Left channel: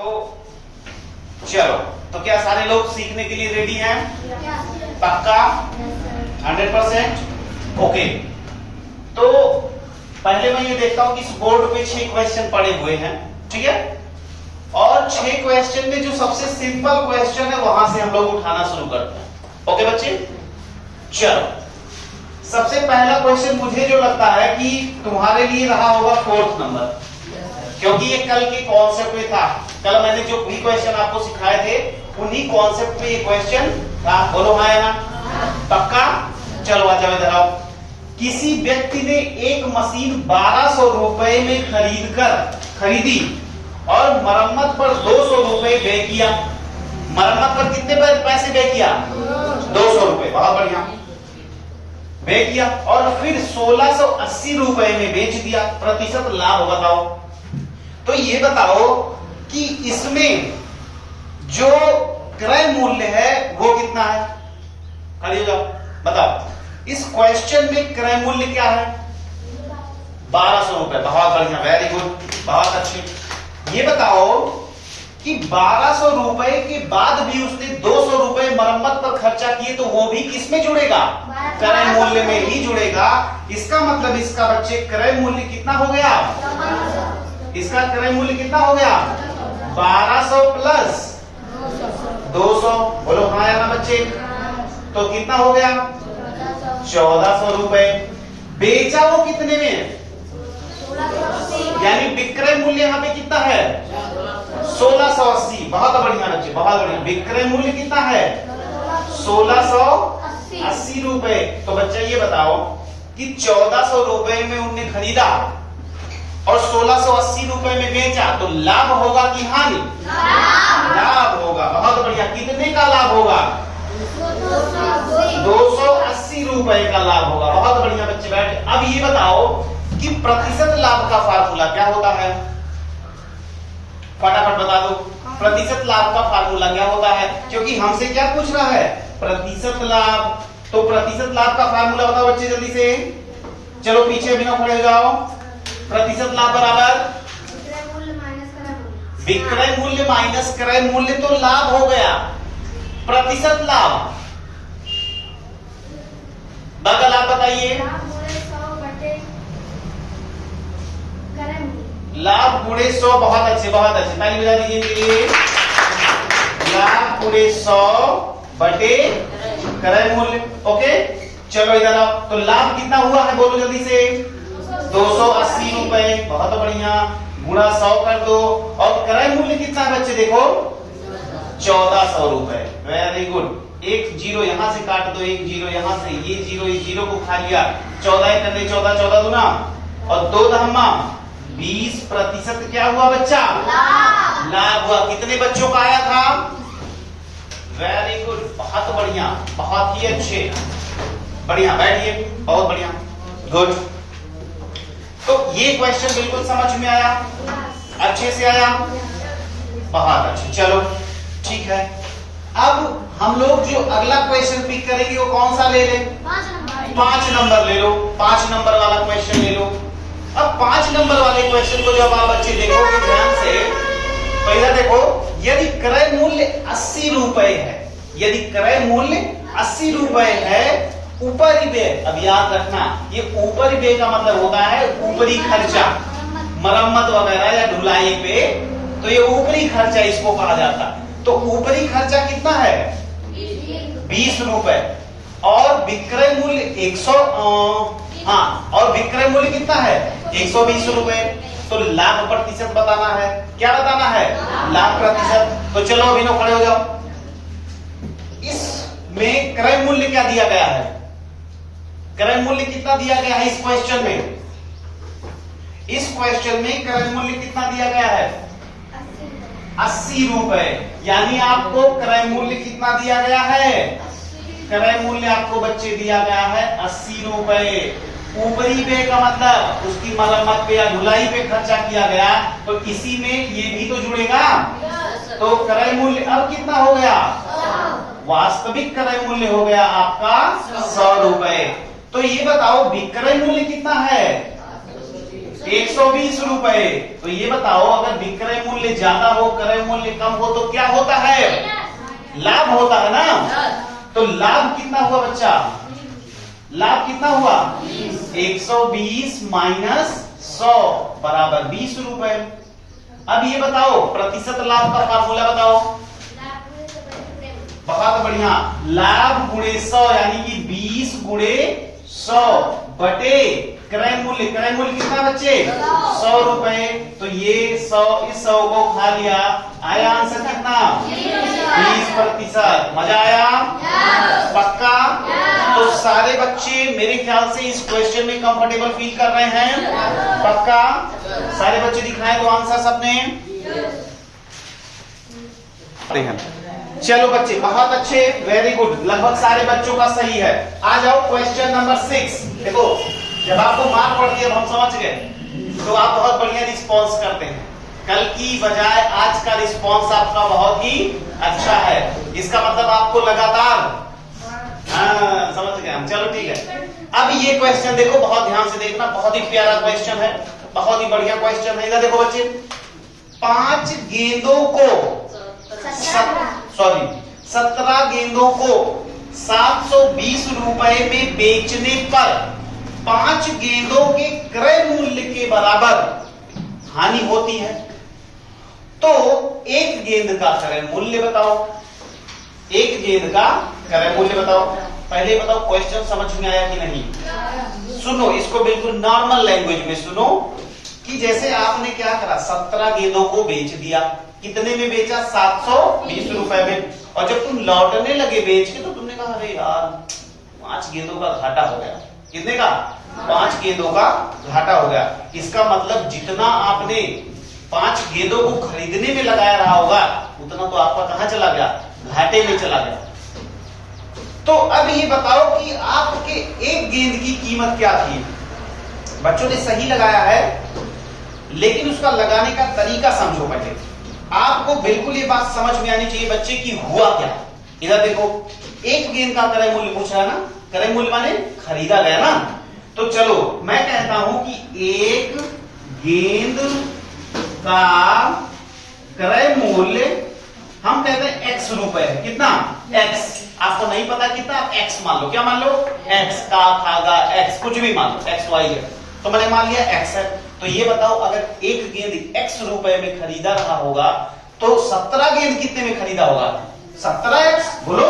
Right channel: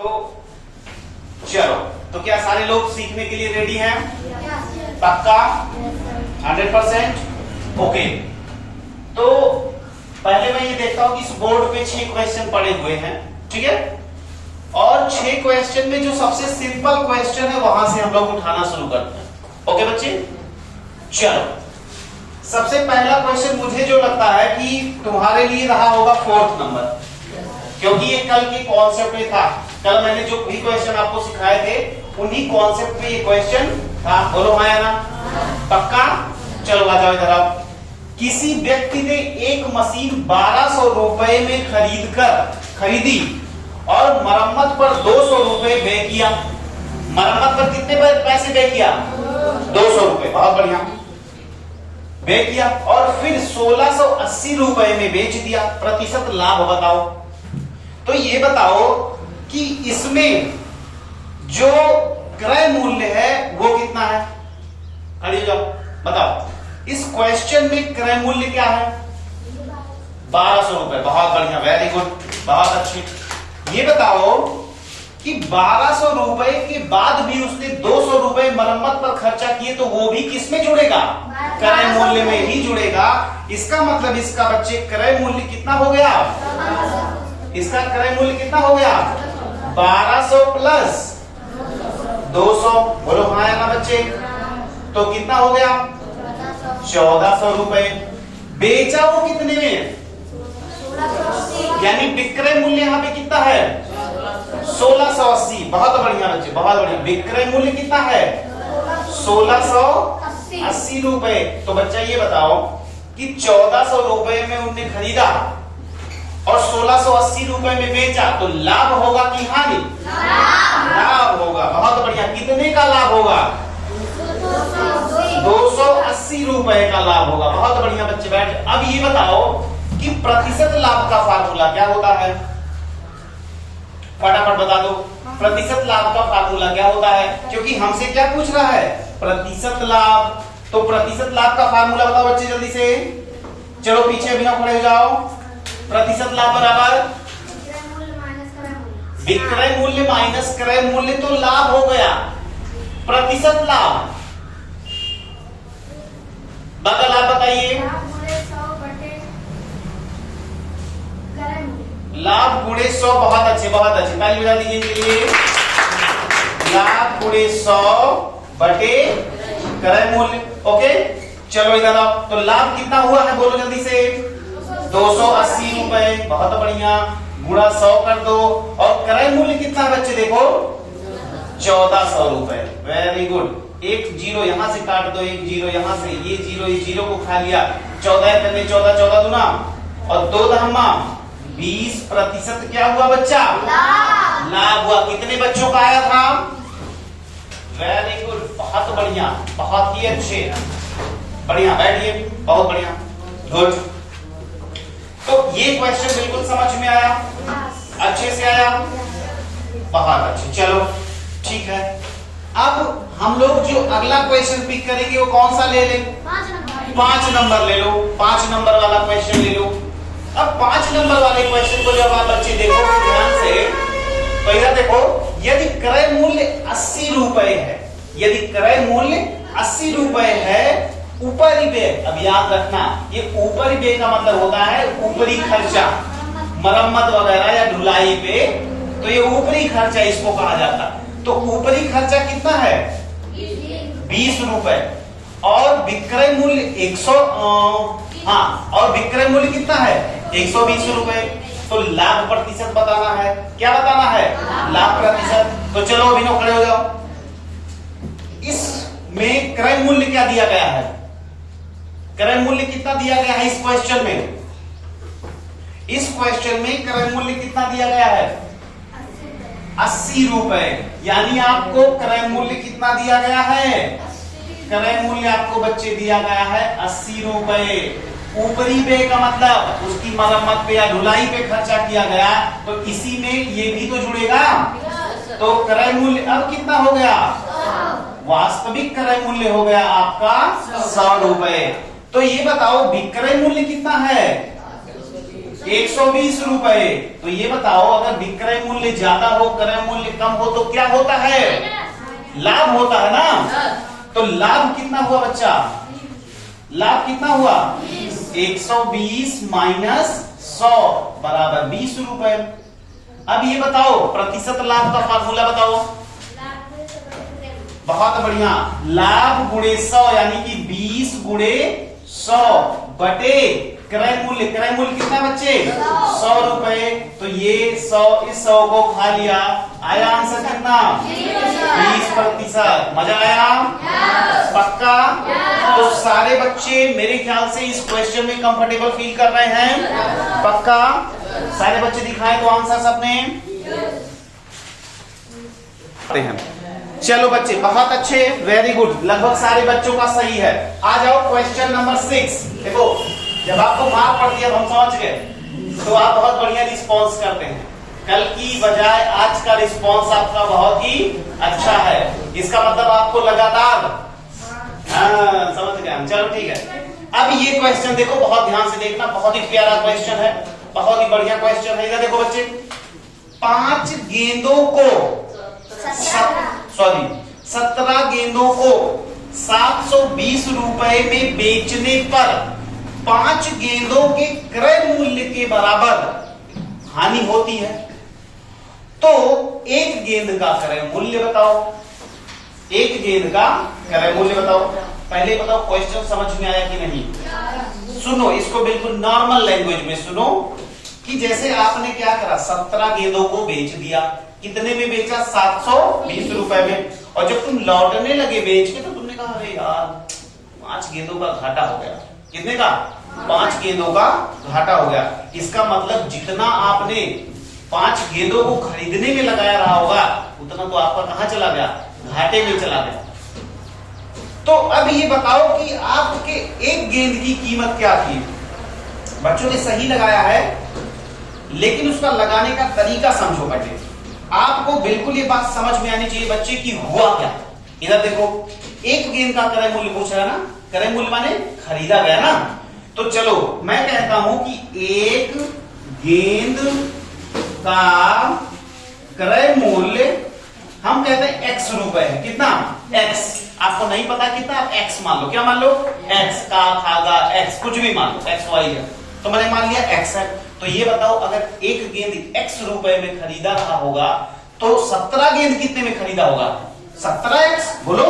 तो चलो, तो क्या सारे लोग सीखने के लिए रेडी हैं? पक्का 100%? ओके, तो पहले मैं ये देखता हूं कि इस बोर्ड पे 6 क्वेश्चन पड़े हुए हैं, ठीक है? और 6 क्वेश्चन में जो सबसे सिंपल क्वेश्चन है वहां से हम लोग उठाना शुरू करते हैं। ओके बच्चे, चलो सबसे पहला क्वेश्चन मुझे जो लगता है कि तुम्हारे लिए रहा होगा 4th नंबर, क्योंकि ये कल के कॉन्सेप्ट में था। कल मैंने जो भी क्वेश्चन आपको सिखाए थे उन्हीं कॉन्सेप्ट पे ये क्वेश्चन था। बोलो हाँ या ना? पक्का? चलो आ जाओ इधर आओ। किसी व्यक्ति ने एक मशीन 1200 रुपए में खरीदी और मरम्मत पर 200 रुपए व्यय किया। मरम्मत पर कितने पैसे व्यय किया? 200 रुपए। बहुत बढ़िया, व्यय किया और फिर 1680 रुपए में बेच दिया। प्रतिशत लाभ बताओ। तो ये बताओ कि इसमें जो क्रय मूल्य है वो कितना है? खड़े हो जाओ, बताओ। इस क्वेश्चन में क्रय मूल्य क्या है? 1200 रुपए। बहुत बढ़िया, वेरी गुड, बहुत अच्छी। ये बताओ कि 1200 रुपए के बाद भी उसने 200 रुपए मरम्मत पर खर्चा किए, तो वो भी किसमें जुड़ेगा? क्रय मूल्य में ही जुड़ेगा। इसका मतलब इसका बच्चे क्रय मूल्य कितना हो गया? इसका क्रय मूल्य कितना हो गया? 1200 प्लस 200। बोलो हाँ या ना बच्चे? तो कितना हो गया? 1400 रुपए। बेचा वो कितने में? यानी विक्रय मूल्य यहाँ पे कितना है? 1680। बहुत बढ़िया बच्चे, बहुत बढ़िया। विक्रय मूल्य कितना है? 1680 रुपए। तो बच्चा ये बताओ कि 1400 रुपए में उन्हें खरीदा और 1680 रुपए में बेचा, तो लाभ होगा कि हानि? लाभ होगा। बहुत बढ़िया। कितने का लाभ होगा? 280 रुपए का लाभ होगा। बहुत बढ़िया बच्चे, बैठ। अब ये बताओ कि प्रतिशत लाभ का फार्मूला क्या होता है? फटाफट बता दो। प्रतिशत लाभ का फार्मूला क्या होता है? क्योंकि हमसे क्या पूछ रहा है? प्रतिशत लाभ। तो प्रतिशत लाभ का फार्मूला बताओ बच्चे जल्दी से। चलो पीछे बिना खड़े हो जाओ। प्रतिशत लाभ बराबर विक्रय मूल्य माइनस क्रय मूल्य, तो लाभ हो गया। प्रतिशत लाभ बगल आप बताइए। लाभ गुणे 100। बहुत अच्छे, बहुत अच्छे, ताली बजा दीजिए इनके लिए। लाभ गुणे 100 बटे क्रय मूल्य। ओके, चलो इधर आओ। तो लाभ कितना हुआ है बोलो जल्दी से? 280 रुपए। बहुत बढ़िया, गुणा 100 कर दो। और क्रय मूल्य कितना है बच्चे? देखो 1400 रुपए। Very good. एक जीरो यहां से काट दो, एक जीरो यहां से, ये जीरो इस जीरो को खा लिया। 14 करने 14, 14 दूना और 2 दहमा 20%। क्या हुआ बच्चा? लाभ हुआ। कितने बच्चों का आया था? वेरी गुड, बहुत बढ़िया, बहुत ही अच्छे, बढ़िया। बैठिए, बहुत बढ़िया, गुड। तो ये क्वेश्चन बिल्कुल समझ में आया? अच्छे से आया? बहुत अच्छे। चलो ठीक है। अब हम लोग जो अगला क्वेश्चन पिक करेंगे वो कौन सा ले लें? 5 नंबर ले लो। 5 नंबर वाला क्वेश्चन ले लो। अब 5 नंबर वाले क्वेश्चन को जब आप बच्चे देखोगे ध्यान से, तो इधर देखो, यदि क्रय मूल्य 80 रुपए है, यदि क्रय मूल्य 80 रुपए है, ऊपरी व्यय, अब याद रखना ये ऊपरी व्यय का मतलब होता है ऊपरी खर्चा, मरम्मत वगैरह या ढुलाई पे, तो ये ऊपरी खर्चा इसको कहा जाता है। तो ऊपरी खर्चा कितना है? 20 रुपए। और विक्रय मूल्य 100, हाँ, और विक्रय मूल्य कितना है? 120 रुपए। तो लाभ प्रतिशत बताना है। क्या बताना है? लाभ प्रतिशत। तो चलो अभिनव खड़े हो जाओ। इसमें क्रय मूल्य क्या दिया गया है? क्रय मूल्य कितना दिया गया है इस क्वेश्चन में? इस क्वेश्चन में क्रय मूल्य कितना दिया गया है? 80 रुपए। यानी आपको क्रय मूल्य कितना दिया गया है? क्रय मूल्य आपको बच्चे दिया गया है 80 रुपए। ऊपरी व्यय का मतलब उसकी मरम्मत पे या ढुलाई पे खर्चा किया गया, तो इसी में ये भी तो जुड़ेगा। तो क्रय मूल्य अब कितना हो गया? वास्तविक क्रय मूल्य हो गया आपका 100 रुपए। तो ये बताओ विक्रय मूल्य कितना है? 120 रुपए। तो ये बताओ अगर विक्रय मूल्य ज्यादा हो क्रय मूल्य कम हो तो क्या होता है? लाभ होता है ना। तो लाभ कितना हुआ बच्चा? लाभ कितना हुआ? 120 माइनस 100 बराबर 20 रुपए। अब ये बताओ प्रतिशत लाभ का फार्मूला बताओ। बहुत बढ़िया, लाभ गुणे 100 यानी कि 20 गुणे 100 बटे क्रय मूल्य। क्रय मूल्य कितना बच्चे? 100 रुपए। तो ये 100 इस 100 को खा लिया, आया आंसर कितना? 20%। मजा आया? पक्का? तो सारे बच्चे मेरे ख्याल से इस क्वेश्चन में कंफर्टेबल फील कर रहे हैं। पक्का? सारे बच्चे दिखाएं तो आंसर सबने। चलो बच्चे बहुत अच्छे, वेरी गुड, लगभग सारे बच्चों का सही है। आ जाओ क्वेश्चन नंबर 6। देखो जब आपको मार्क पड़ती है, अब हम समझ गए, तो आप बहुत बढ़िया रिस्पॉन्स करते हैं। कल की बजाय आज का रिस्पॉन्स आपका बहुत ही अच्छा है। इसका मतलब आपको लगातार समझ गए हम। चलो ठीक है। अब ये क्वेश्चन देखो, बहुत ध्यान से देखना, बहुत ही प्यारा क्वेश्चन है, बहुत ही बढ़िया क्वेश्चन है। इधर देखो बच्चे, 5 गेंदों को 17 गेंदों को 720 रुपए में बेचने पर 5 गेंदों के क्रय मूल्य के बराबर हानि होती है। तो एक गेंद का क्रय मूल्य बताओ। एक गेंद का क्रय मूल्य बताओ। पहले बताओ क्वेश्चन समझ में आया कि नहीं? सुनो इसको बिल्कुल नॉर्मल लैंग्वेज में सुनो, कि जैसे आपने क्या करा, 17 गेंदों को बेच दिया। कितने में बेचा? 720 रुपए में। और जब तुम लौटने लगे बेच के तो तुमने कहा अरे यार 5 गेंदों का घाटा हो गया। कितने का? 5 गेंदों का घाटा हो गया। इसका मतलब जितना आपने 5 गेंदों को खरीदने में लगाया रहा होगा उतना तो आपका कहां चला गया? घाटे में चला गया। तो अब ये बताओ कि आपके एक गेंद की कीमत क्या थी? बच्चों ने सही लगाया है, लेकिन उसका लगाने का तरीका समझो पहले। आपको बिल्कुल ये बात समझ में आनी चाहिए बच्चे की हुआ क्या। इधर देखो, एक गेंद का क्रय मूल्य पूछ रहा है ना, क्रय मूल्य माने खरीदा गया ना। तो चलो मैं कहता हूं कि एक गेंद का क्रय मूल्य हम कहते हैं x रुपए है। कितना? x। आपको नहीं पता कितना, आप x मान लो। क्या मान लो? x का खागा x, कुछ भी मान लो, x y है। तो मैंने मान लिया x है। तो ये बताओ अगर एक गेंद x रुपए में खरीदा रहा होगा तो 17 गेंद कितने में खरीदा होगा? 17x बोलो।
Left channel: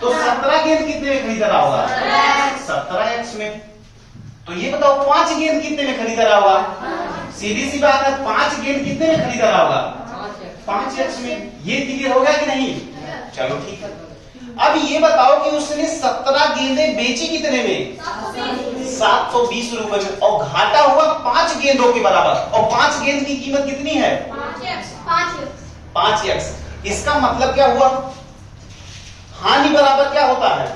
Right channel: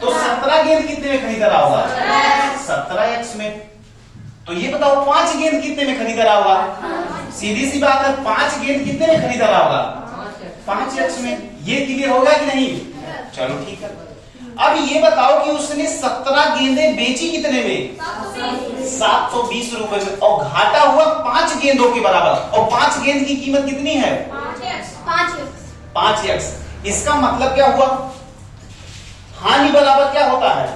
तो 17 गेंद कितने में खरीदा रहा होगा? 17x में। तो ये बताओ 5 गेंद कितने में खरीदा रहा होगा? सीधी सी बात है, 5 गेंद कितने में खरीदा रहा होगा? 5x में। ये क्लियर होगा कि नहीं? चलो ठीक है। अब ये बताओ कि उसने 17 गेंदें बेची कितने में? 720 रुपए में। और घाटा हुआ 5 गेंदों के बराबर। और 5 गेंद की कीमत कितनी है? 5x। इसका मतलब क्या हुआ? हानि बराबर क्या होता है?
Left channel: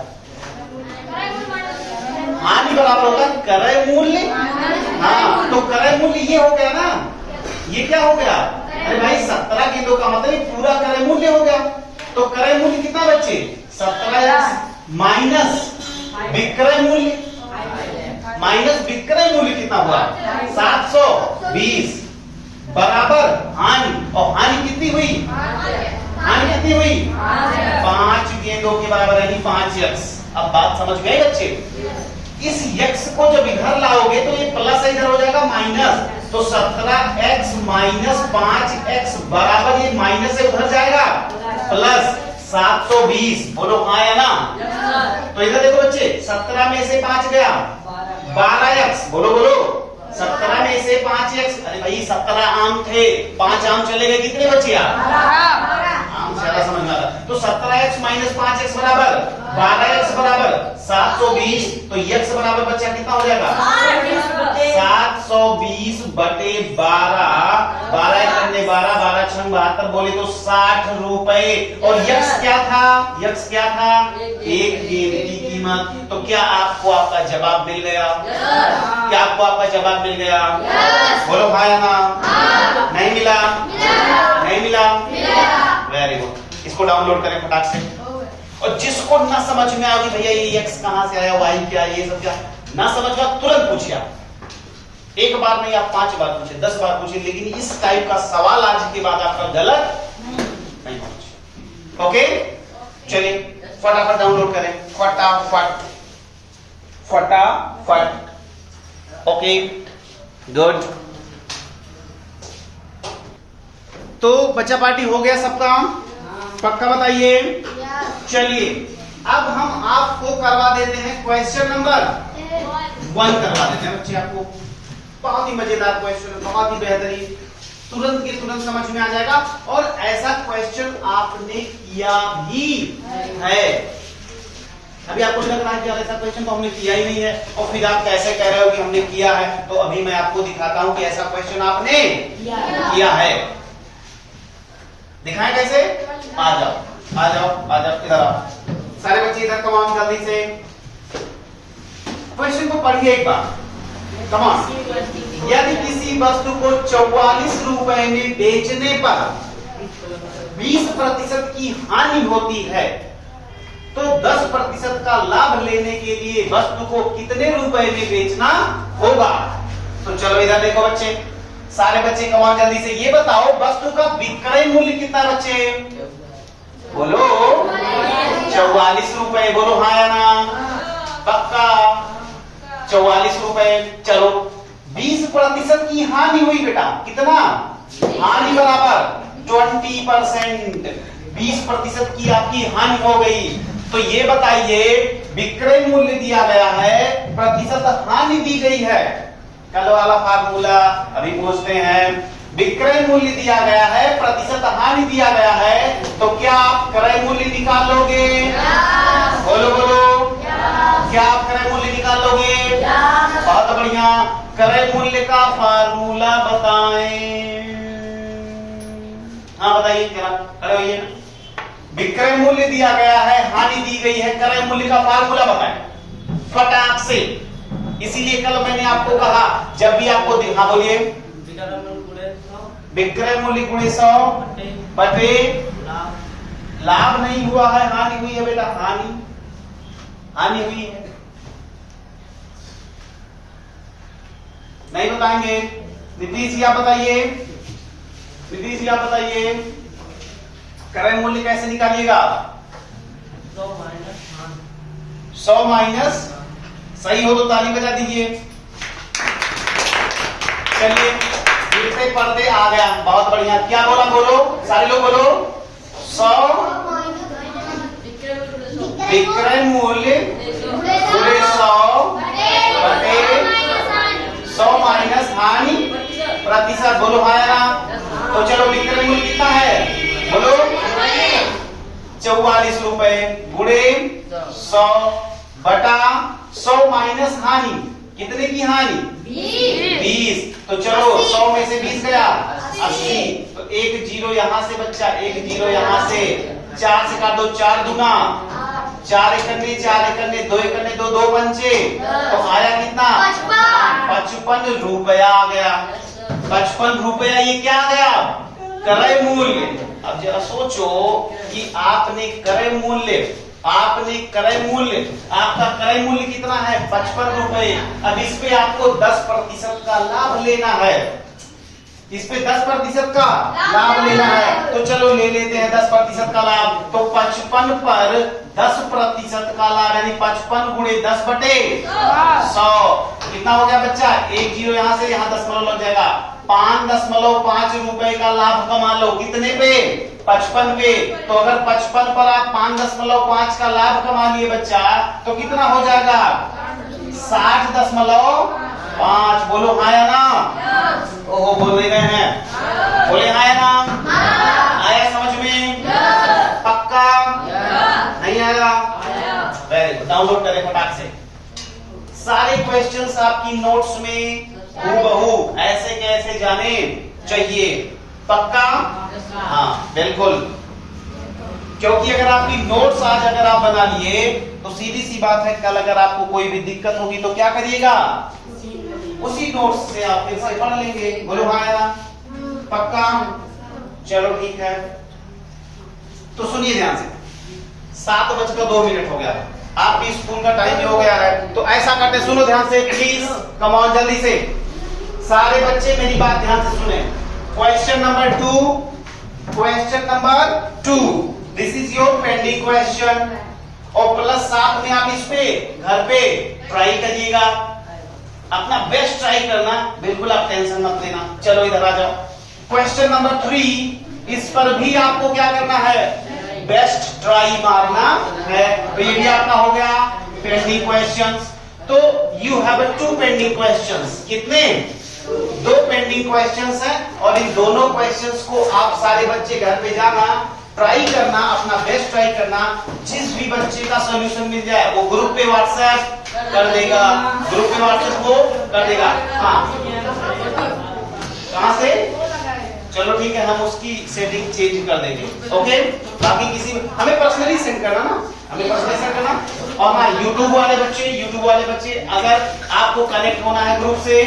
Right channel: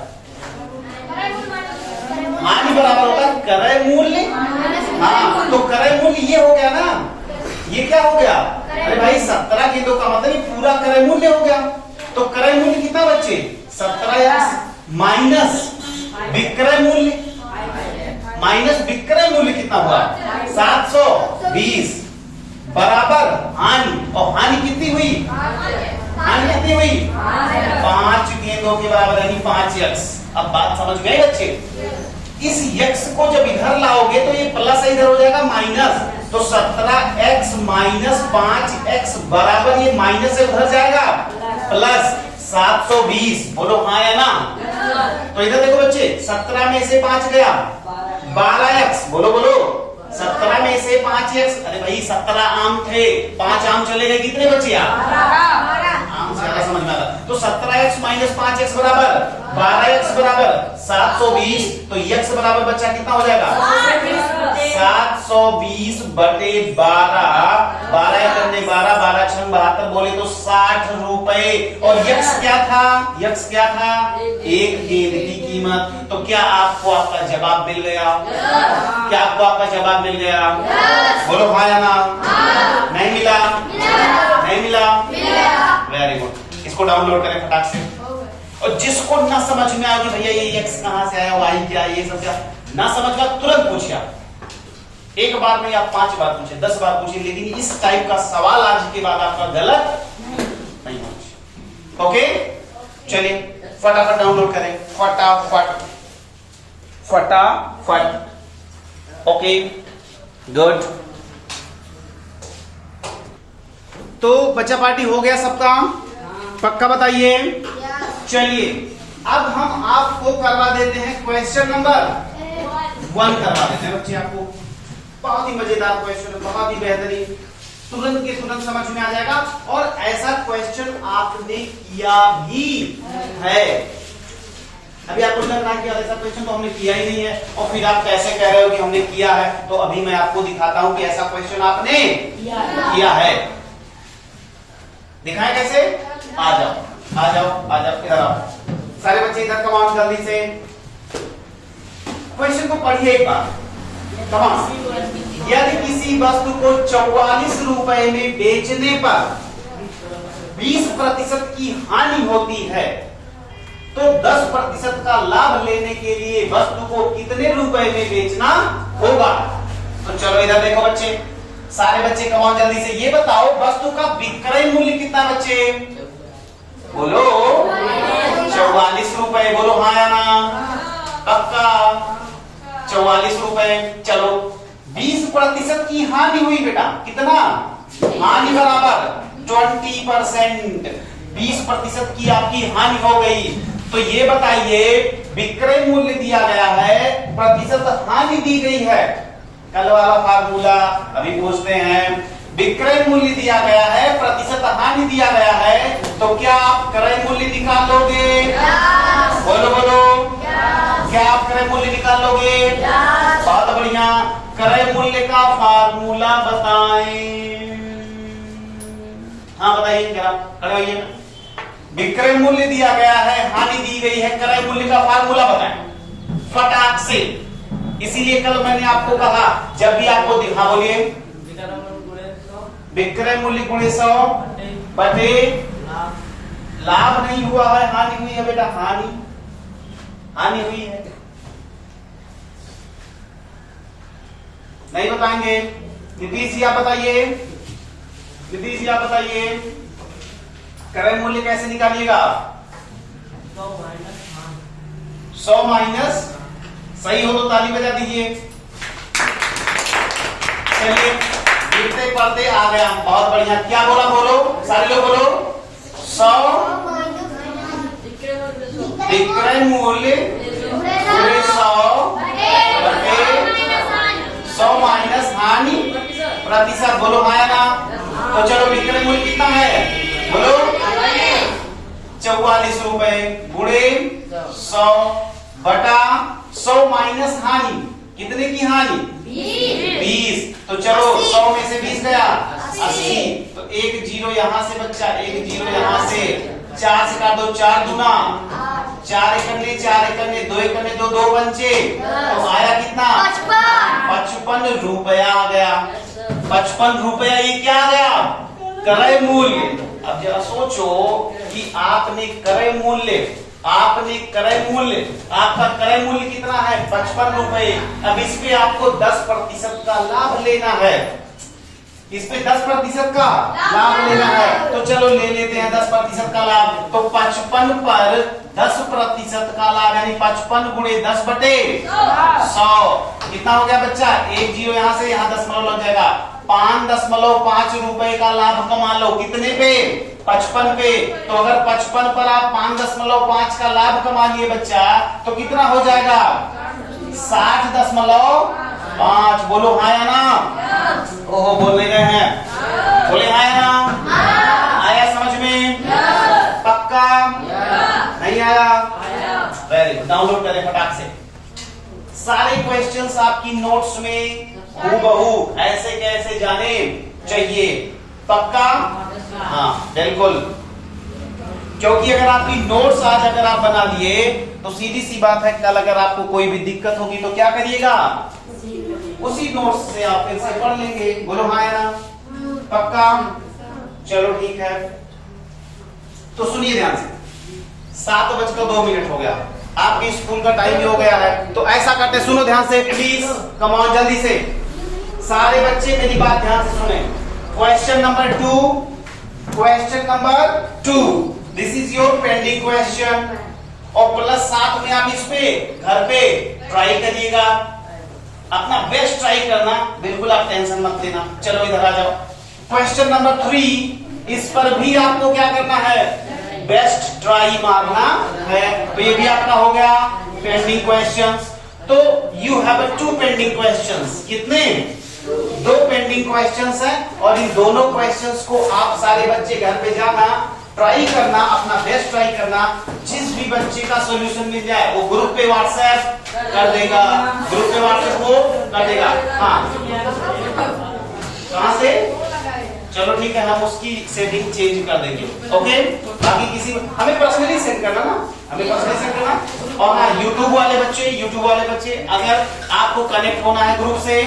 हानि बराबर होता है क्रय मूल्य। हाँ, तो क्रय मूल्य ये हो गया ना, ये क्या हो गया? अरे भाई 17 गेंदों का मतलब पूरा क्रय मूल्य हो गया। तो क्रय मूल्य कितना बच्चे? 17x माइनस विक्रय मूल्य, माइनस विक्रय मूल्य कितना हुआ? 720 बराबर हानि। और हानि कितनी हुई? हानि कितनी हुई? 5 गेंदों के बराबर यानी 5x। अब बात समझ गए बच्चे? इस x को जब इधर लाओगे तो ये प्लस इधर हो जाएगा माइनस। तो 17x माइनस 5x बराबर ये माइनस से उधर जाएगा प्लस 720। बोलो हाँ या ना? तो इधर देखो बच्चे, 17 में से 5 गया 12x। बोलो बोलो, 17 में से 5x। अरे भाई 17 आम थे, 5 आम चले गए, कितने बचे? आम ज्यादा समझ में आता। तो 17x माइनस 5x बराबर 12x बराबर 720। तो x बराबर बच्चा कितना हो जाएगा? 720 बटे 12। 12 करने 12, 12 छंग 72, बोले तो 60 रुपए। और x क्या था? x क्या था? एक गेंद की कीमत। तो क्या आपको आपका जवाब मिल गया? क्या आपको आपका जवाब मिल गया? बोलो हाँ या ना? नहीं मिला? नहीं मिला? Very good. इसको डाउनलोड करें फटाक से। और जिसको ना समझ में आया कि भैया ये x कहां से आया, y क्या, ये सब क्या ना समझ में तुरंत पूछिए। एक बार नहीं, आप 5 बार पूछे, 10 बार पूछे, लेकिन इस टाइप का सवाल आज के बाद आपका गलत नहीं होना चाहिए। ओके, चलिए फटाफट डाउनलोड करें, फटाफट फटाफट। Okay, good. तो बच्चा पार्टी हो गया सबका, पक्का बताइए। चलिए अब हम आपको करवा देते हैं क्वेश्चन नंबर 1 करवा देते हैं बच्चे आपको। बहुत ही मजेदार क्वेश्चन, बहुत ही बेहतरीन, तुरंत के तुरंत समझ में आ जाएगा। और ऐसा क्वेश्चन आपने किया भी है। अभी आपको लग रहा है कि ऐसा क्वेश्चन तो हमने किया ही नहीं है, और फिर आप कैसे कह रहे हो कि हमने किया है। तो अभी मैं आपको दिखाता हूं कि ऐसा क्वेश्चन आपने किया है। दिखाएं कैसे? आ जाओ आ जाओ आ जाओ, इधर आओ सारे बच्चे, इधर कमाओ जल्दी से। क्वेश्चन को पढ़िए एक बार, कमाओ। यदि किसी वस्तु को 44 रुपए में बेचने पर 20% की हानि होती है, तो 10% का लाभ लेने के लिए वस्तु को कितने रुपए में बेचना होगा? तो चलो इधर देखो बच्चे, सारे बच्चे कमाओ जल्दी से। ये बताओ वस्तु का विक्रय मूल्य कितना बच्चे? बोलो 44 रुपए। बोलो हाँ या ना? पक्का 44 रुपए। चलो 20% की हानि हुई बेटा, कितना? हानि बराबर 20%। 20% की आपकी हानि हो गई। तो ये बताइए विक्रय मूल्य दिया गया है, प्रतिशत हानि दी गई है। कल वाला फार्मूला अभी पूछते हैं। विक्रय मूल्य दिया गया है, प्रतिशत हानि दिया गया है, तो क्या आप क्रय मूल्य निकाल लोगे? बोलो बोलो, क्या आप क्रय मूल्य निकाल लोगे? बहुत बढ़िया। क्रय मूल्य का फार्मूला बताएं। हाँ बताइए जरा, खड़े होइए ना। विक्रय मूल्य दिया गया है, हानि दी गई है, क्रय मूल्य का फार्मूला बताएं फटाक से। इसीलिए कल मैंने आपको कहा जब भी आपको हाँ बोलिए, विक्रय मूल्य गुणे 100 बटे लाभ नहीं हुआ है, हानि हुई है बेटा, हानि हुई है। नहीं बताएंगे? नीतीश जी आप बताइए, नीतीश जी आप बताइए क्रय मूल्य कैसे निकालिएगा? 100 माइनस, सही हो तो ताली बजा दीजिए। चलिए गिरते पड़ते आ गया, बहुत बढ़िया। क्या बोला? बोलो सारे लोग बोलो। 100 विक्रय मूल्य गुणे 100 बटे 100 माइनस हानि प्रतिशत। बोलो हाँ या ना? तो चलो विक्रय मूल्य कितना है? बोलो 44 रुपए गुणे 100 बटा 100 माइनस हानि, कितने की हानि? 20। तो चलो 100 में से 20 गया 80। तो एक जीरो यहां से बच्चा, एक जीरो यहां से, 4 से काट दो, 4 दूना 4 एकन्ने 4 एकन्ने 2 एकन्ने 2 2 पंचे, तो आया कितना? 55 रुपया आ गया। 55 रुपया ये क्या आ गया? क्रय मूल्य। अब जरा सोचो कि आपने क्रय मूल्य, आपका क्रय मूल्य कितना है? 55 रुपए। अब इस पे आपको 10% का लाभ लेना है, इस पे 10% का लाभ लेना है। तो चलो ले लेते हैं 10% का लाभ। तो 55 पर 10% का लाभ यानी 55 गुणे 10 बटे 100 कितना हो गया बच्चा? एक जीरो यहां से, यहां दशमलव लग जाएगा। 5.5 रुपए का लाभ कमा लो, कितने पे? 55 पे। तो अगर 55 पर आप 5.5 का लाभ कमा लिए बच्चा, तो कितना हो जाएगा? 60.5। बोलो हाँ या ना? ओहो बोल नहीं रहे हैं, बोले हाँ या ना? आया समझ में? पक्का? नहीं आया? वेरी गुड, डाउनलोड करें फटाक से। सारे क्वेश्चंस आपकी नोट्स में हूबहू ऐसे कैसे जाने चाहिए, पक्का? हाँ बिल्कुल, क्योंकि अगर आपकी नोट्स आज अगर आप बना लिए तो सीधी सी बात है, कल अगर आपको कोई भी दिक्कत होगी तो क्या करिएगा? उसी नोट्स से आप फिर से पढ़ लेंगे। बोलो हाँ या ना? पक्का? चलो ठीक है। तो सुनिए ध्यान से, 7:02 हो गया, आपकी स्कूल का टाइम भी हो गया है। तो ऐसा करते, सुनो ध्यान से प्लीज, कम ऑन जल्दी से। सारे बच्चे मेरी बात ध्यान से सुने। Question number 2, this is your pending question, और प्लस साथ में आप इस पे घर पे ट्राई करिएगा, अपना बेस्ट ट्राई करना, बिल्कुल आप टेंशन मत लेना। चलो इधर आ जाओ। क्वेश्चन नंबर 3, इस पर भी आपको क्या करना है, बेस्ट ट्राई मारना है। तो ये भी आपका हो गया पेंडिंग क्वेश्चंस। तो यू हैव 2 पेंडिंग क्वेश्चंस। कितने? 2 पेंडिंग क्वेश्चंस हैं, और इन दोनों क्वेश्चंस को आप सारे बच्चे घर पे जाना, ट्राई करना, अपना बेस्ट ट्राई करना। जिस भी बच्चे का सॉल्यूशन मिल जाए वो ग्रुप पे व्हाट्सएप कर देगा, ग्रुप पे व्हाट्सएप वो कर देगा। हाँ, कहां से? चलो ठीक है, हम उसकी सेटिंग चेंज कर देंगे। ओके, बाकी किसी हमें पर्सनली सेंड करना ना, हमें पर्सनली सेंड करना। और हाँ, यूट्यूब वाले बच्चे अगर आपको कनेक्ट होना है ग्रुप से,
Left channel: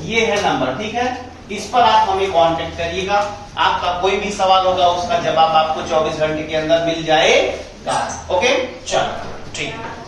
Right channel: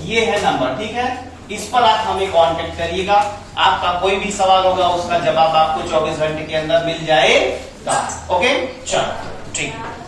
ये है नंबर, ठीक है, इस पर आप हमें कांटेक्ट करिएगा। आपका कोई भी सवाल होगा उसका जवाब आपको 24 घंटे के अंदर मिल जाएगा। ओके, चलो ठीक है।